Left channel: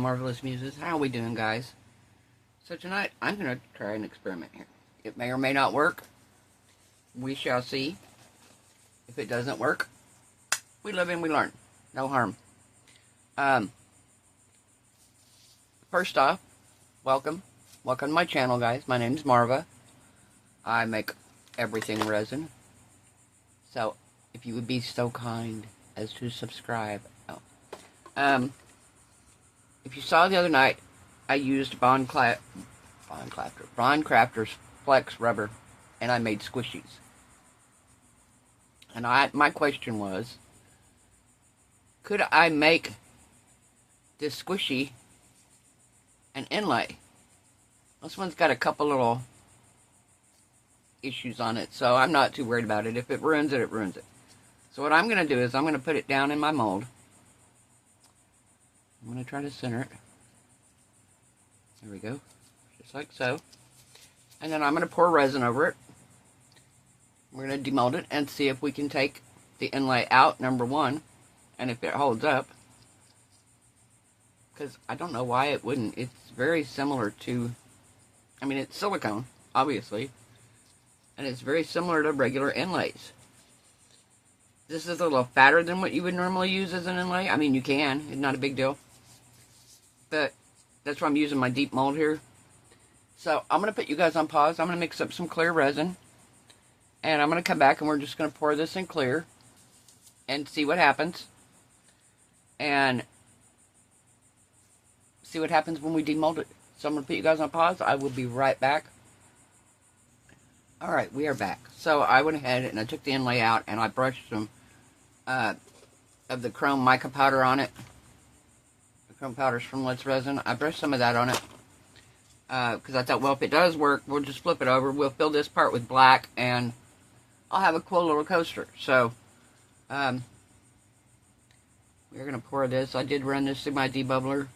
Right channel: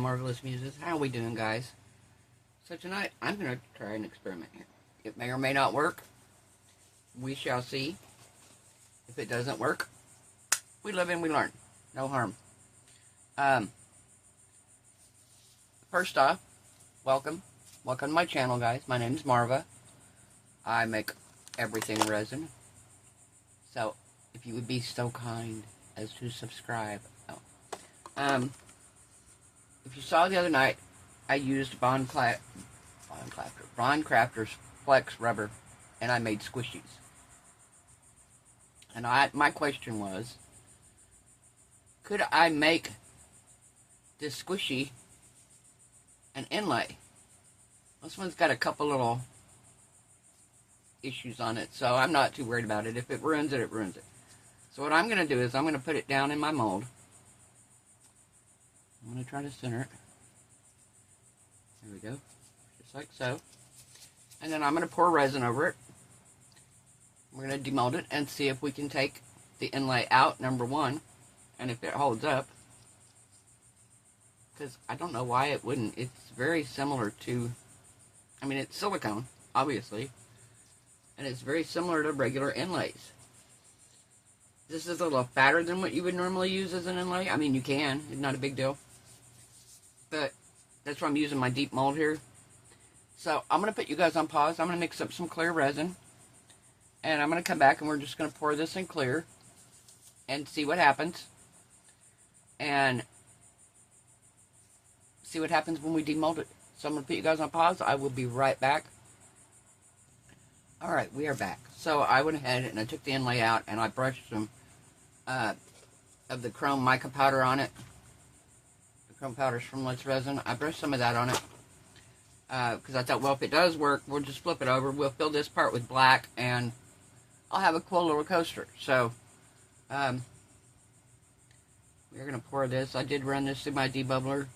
Marvelous Muses. How are we doing, guys? So tonight, I'm going to try an experiment here. It may or may not work. We shall see. If it doesn't work, we live and we learn. No harm. First off, welcome. Welcome to my channel, guys. My name is Marva. I make everything resin. So, if you would be so kind as to subscribe. If you saw the other night, I used Bond Crafter's Flex Rubber, and I made squishies. And my question was, could I make this squishy an inlay? This one's got a couple little issues on it, so I'm not too worried about it. If it ruins it, it ruins it. So what I'm going to do is I'm going to put it down in my mold. I'm going to try to center it. There we go. Just like so. And then I'm going to pour resin over it. We're going to demold it and see if we can take the inlay out, number one, and if it holds up. Because I don't know why it wouldn't. It's very similar to, I mean, it's silicone, obviously, and it's very similar to regular inlays. This is a little fatter than what you would normally use as an inlay. I mean, you can. It's not a big deal. But that's why I'm using my deep mold here. So I'm going to put you guys on pause. I'm going to mix up some clear resin. And I'm going to come back and we're just going to pour this in clear. And see what happens. And see what happens when we demold it. So I'm going to put you guys on pause. I will be right back. Alright, we are back. So I went ahead and I took the inlay out and I brushed some of the chrome mica powder on it. The chrome powder's from Let's Resin. I brushed some of that on it. Because I thought, well, if it does work, we'll just flip it over. We'll fill this part with black and I'll have a cool little coaster. So, we're going to pour this. I did run this through my debubbler.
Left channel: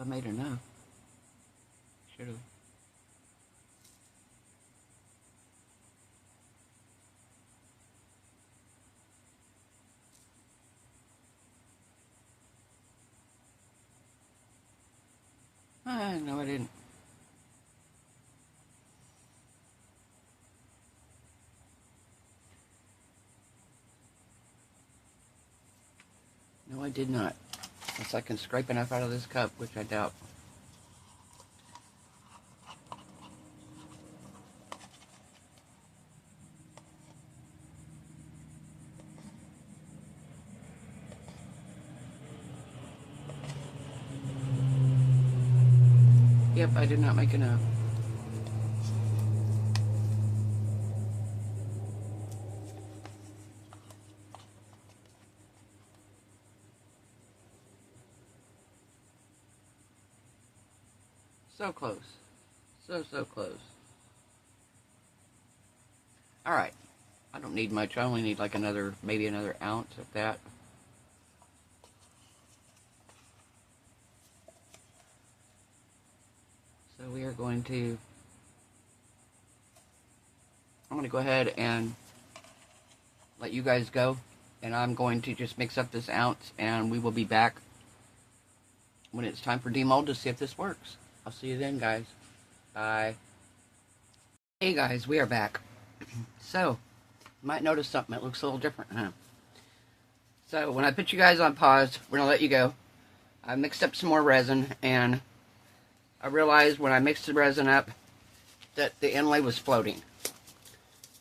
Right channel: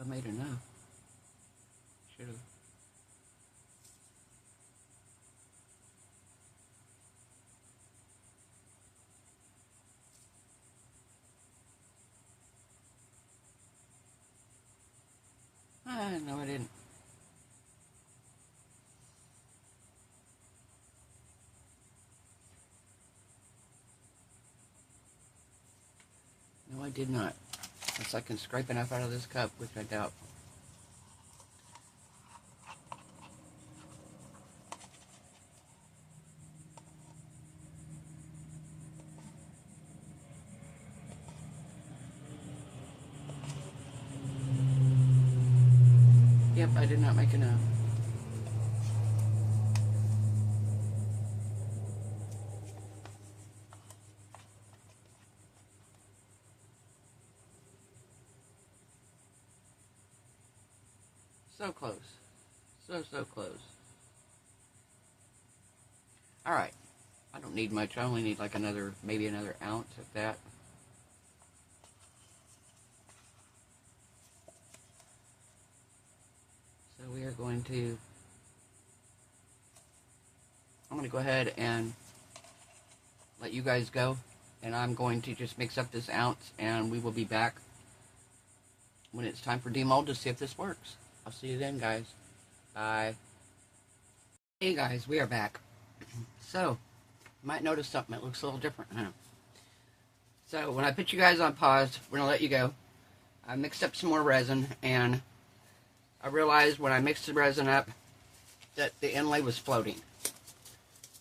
I made enough. Should have. No, I didn't. No, I did not. Unless I can scrape enough out of this cup, which I doubt. Yep, I did not make enough. So close. So close. Alright. I don't need much. I only need like maybe another ounce of that. So we are going to, I'm going to go ahead and let you guys go. And I'm going to just mix up this ounce and we will be back when it's time for demold to see if this works. I'll see you then, guys. Bye. Hey, guys, we are back. So, you might notice something that looks a little different, huh? So, when I put you guys on pause, we're going to let you go. I mixed up some more resin, and I realized when I mixed the resin up that the inlay was floating.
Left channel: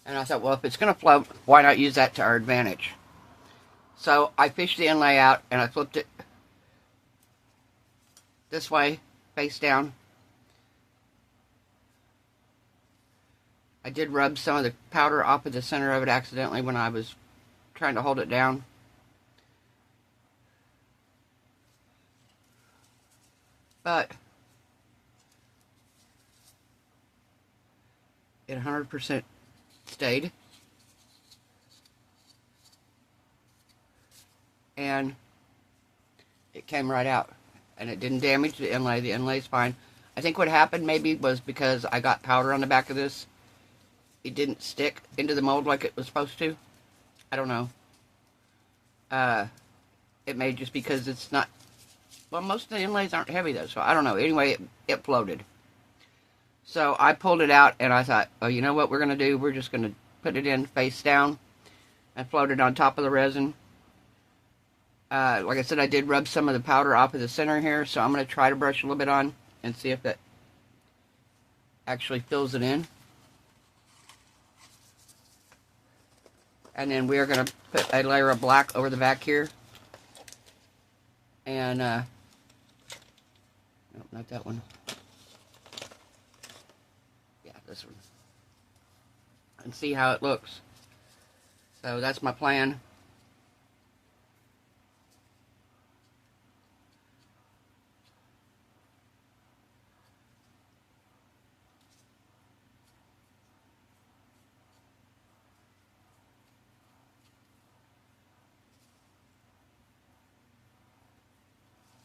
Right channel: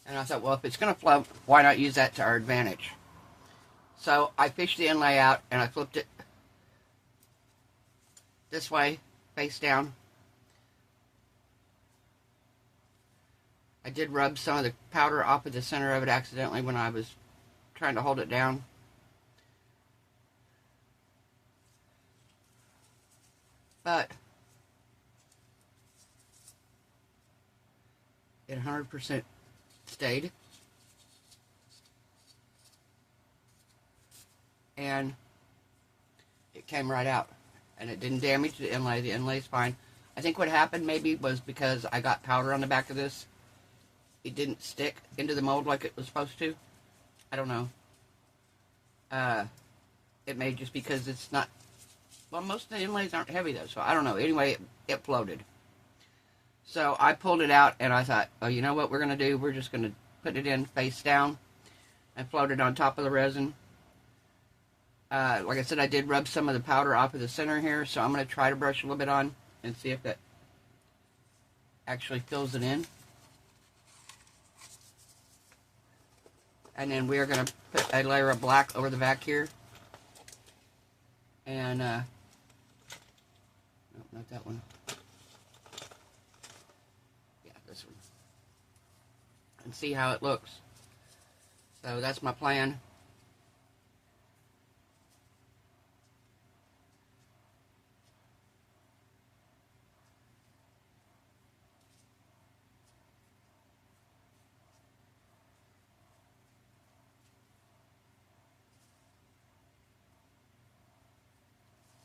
And I thought, well, if it's going to float, why not use that to our advantage? So, I fished the inlay out, and I flipped it this way, face down. I did rub some of the powder off of the center of it accidentally when I was trying to hold it down. but it 100% stayed. And it came right out. And it didn't damage the inlay. The inlay's fine. I think what happened maybe was because I got powder on the back of this. It didn't stick into the mold like it was supposed to. I don't know. It may just because it's not... Well, most of the inlays aren't heavy though, so I don't know. Anyway, it floated. So I pulled it out and I thought, oh, you know what we're going to do? We're just going to put it in face down and float it on top of the resin. Like I said, I did rub some of the powder off of the center here, so I'm going to try to brush a little bit on and see if that actually fills it in. And then we're going to put a layer of black over the back here. And, no, not that one. Yeah, this one. And see how it looks. So that's my plan.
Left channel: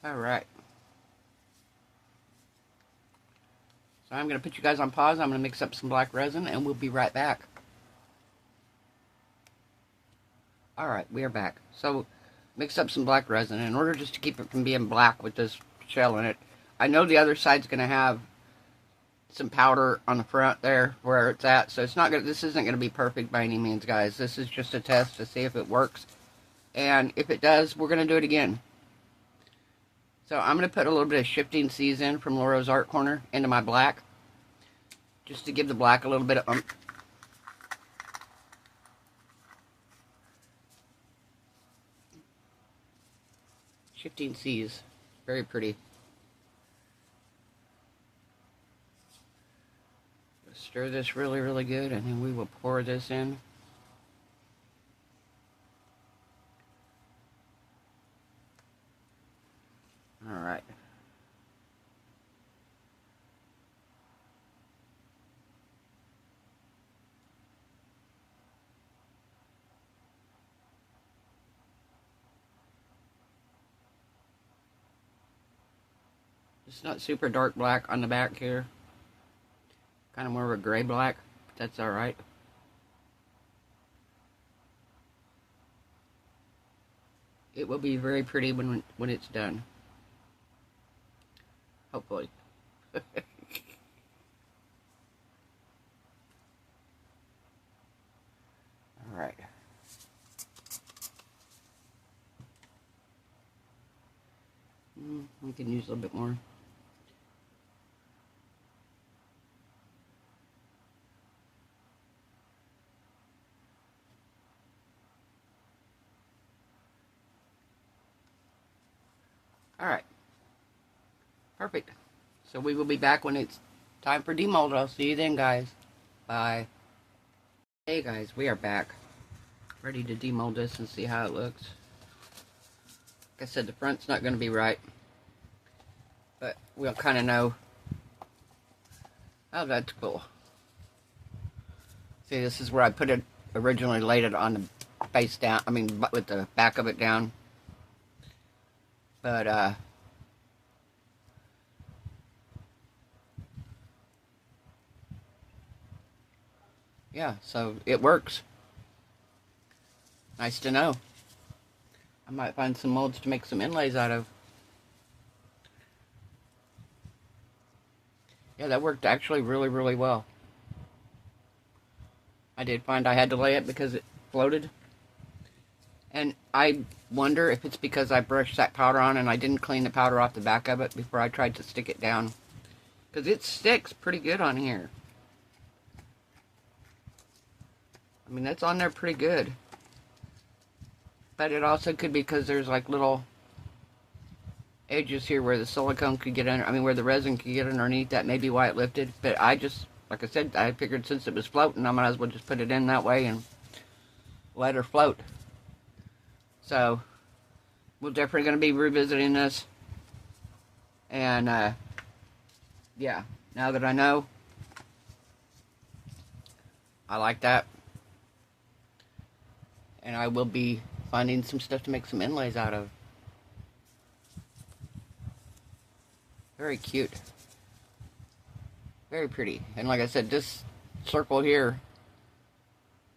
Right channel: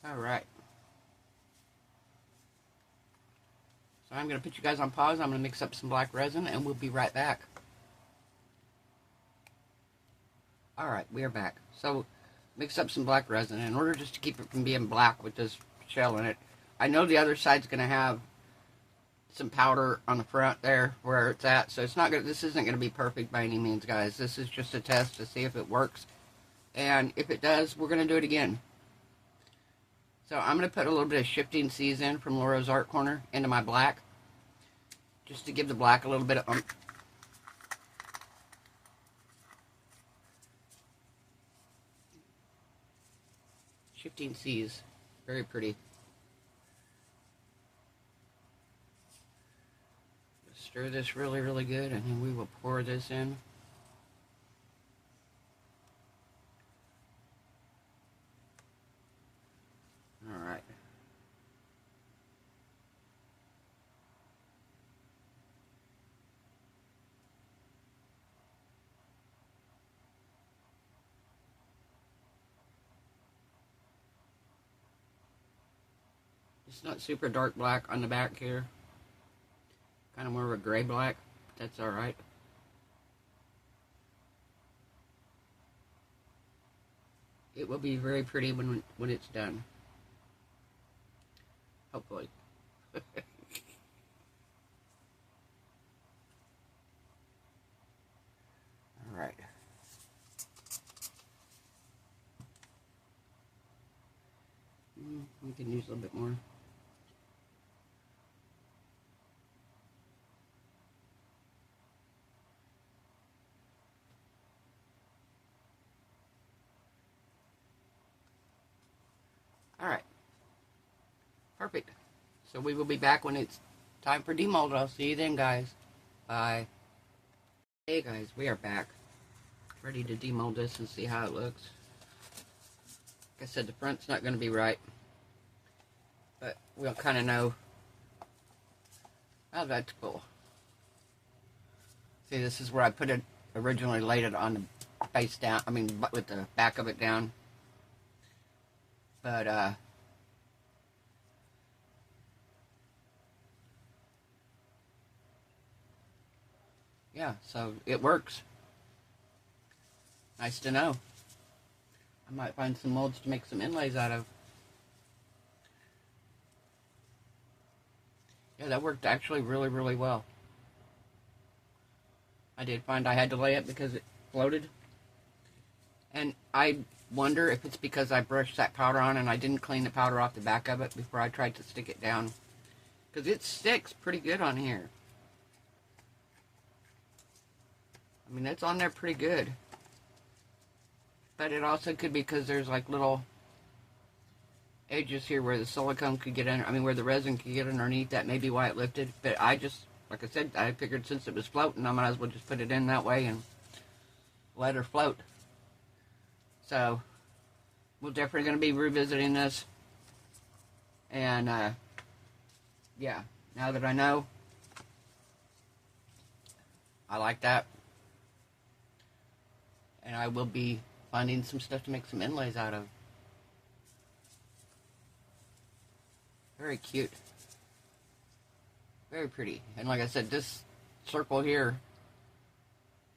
Alright. So I'm going to put you guys on pause. I'm going to mix up some black resin and we'll be right back. Alright, we are back. So, mix up some black resin. In order just to keep it from being black with this shell in it, I know the other side's going to have some powder on the front there where it's at. So it's not going. This isn't going to be perfect by any means, guys. This is just a test to see if it works. And if it does, we're going to do it again. So I'm going to put a little bit of Shifting Seas in from Laura's Art Corner into my black. Just to give the black a little bit of Shifting Seas. Very pretty. Stir this really, really good, and then we will pour this in. Alright. It's not super dark black on the back here. Kind of more of a gray black. That's alright. It will be very pretty when it's done. Hopefully. Alright. We can use a little bit more. Alright. Perfect. So we will be back when it's time for demold. I'll see you then, guys. Bye. Hey, guys. We are back. Ready to demold this and see how it looks. Like I said, the front's not going to be right. But we'll kind of know. Oh, that's cool. See, this is where I put it, originally laid it on the face down. I mean, with the back of it down. But, yeah, so it works. Nice to know. I might find some molds to make some inlays out of. Yeah, that worked actually really, really well. I did find I had to lay it because it floated. And I wonder if it's because I brushed that powder on and I didn't clean the powder off the back of it before I tried to stick it down. Because it sticks pretty good on here. I mean, that's on there pretty good. But it also could be because there's like little edges here where the silicone could get under, I mean, where the resin could get underneath. That may be why it lifted. But I just, like I said, I figured since it was floating, I might as well just put it in that way and let her float. So, we're definitely going to be revisiting this. And, yeah, now that I know, I like that. And I will be finding some stuff to make some inlays out of. Very cute. Very pretty. And like I said, this circle here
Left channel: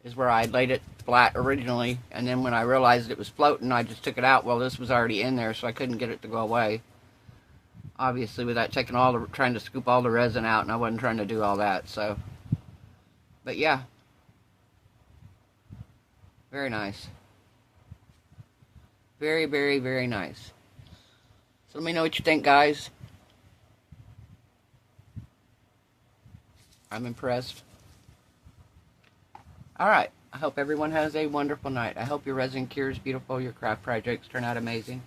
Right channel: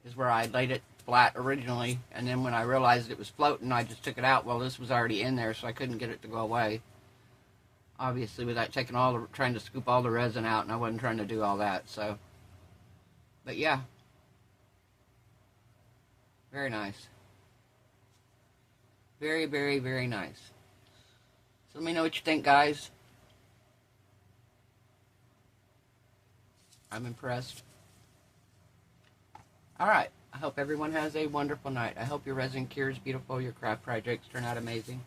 is where I laid it flat originally, and then when I realized it was floating, I just took it out. Well, this was already in there, so I couldn't get it to go away. Obviously, without taking trying to scoop all the resin out, and I wasn't trying to do all that, so. But yeah. Very nice. Very, very, very nice. So let me know what you think, guys. I'm impressed. Alright, I hope everyone has a wonderful night. I hope your resin cure is beautiful, your craft projects turn out amazing.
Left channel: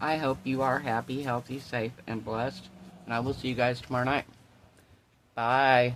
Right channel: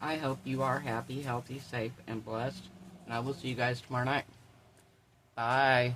I hope you are happy, healthy, safe, and blessed. And I will see you guys tomorrow night. Bye.